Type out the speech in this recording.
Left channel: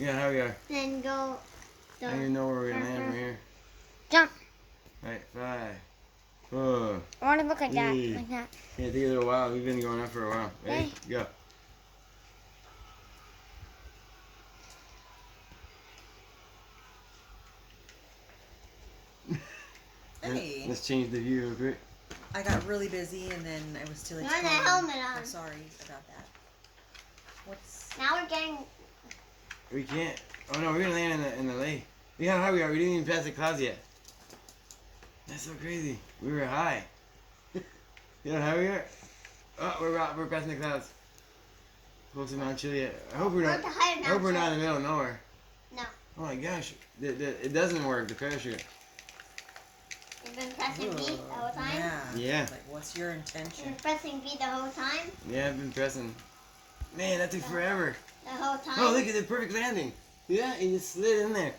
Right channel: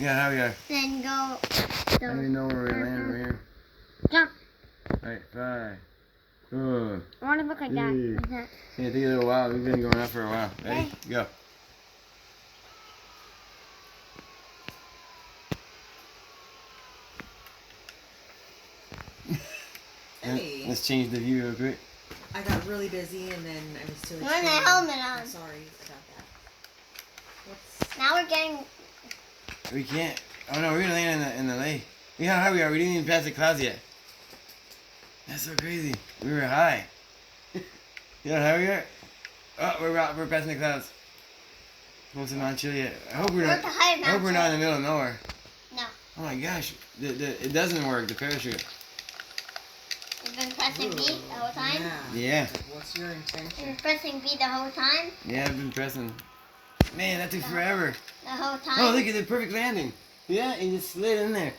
Yeah, how we are. Then go. I don't even know where we're landing from here. Jump. Right, 5, 4, I want to look like that. 3. Like that. It's gonna take a little while. We've been going up for a while. Ready? Okay. Go. Hey, Let's change the view real quick. I got really busy and then I was too You want a helmet on. I'm sorry about that. What's... Now we're getting. We can't. Oh no, we're gonna land in the lake. You know how high we are. We didn't even pass the clouds yet. That's so crazy. We were high. You know how high we are? Oh, we're passing the clouds. Close to Mount Chiliad. I hope we're We're not. at the height of I hope Mount we're not in the middle of nowhere. No. Oh my gosh, it doesn't work. The parachute. You've been pressing B the whole time? Yeah. What's your You've been intention? pressing B the whole time? Yeah, I've been pressing. Man, that took forever. The whole time? Oh, look at the perfect landing. Yeah, and it slid in there.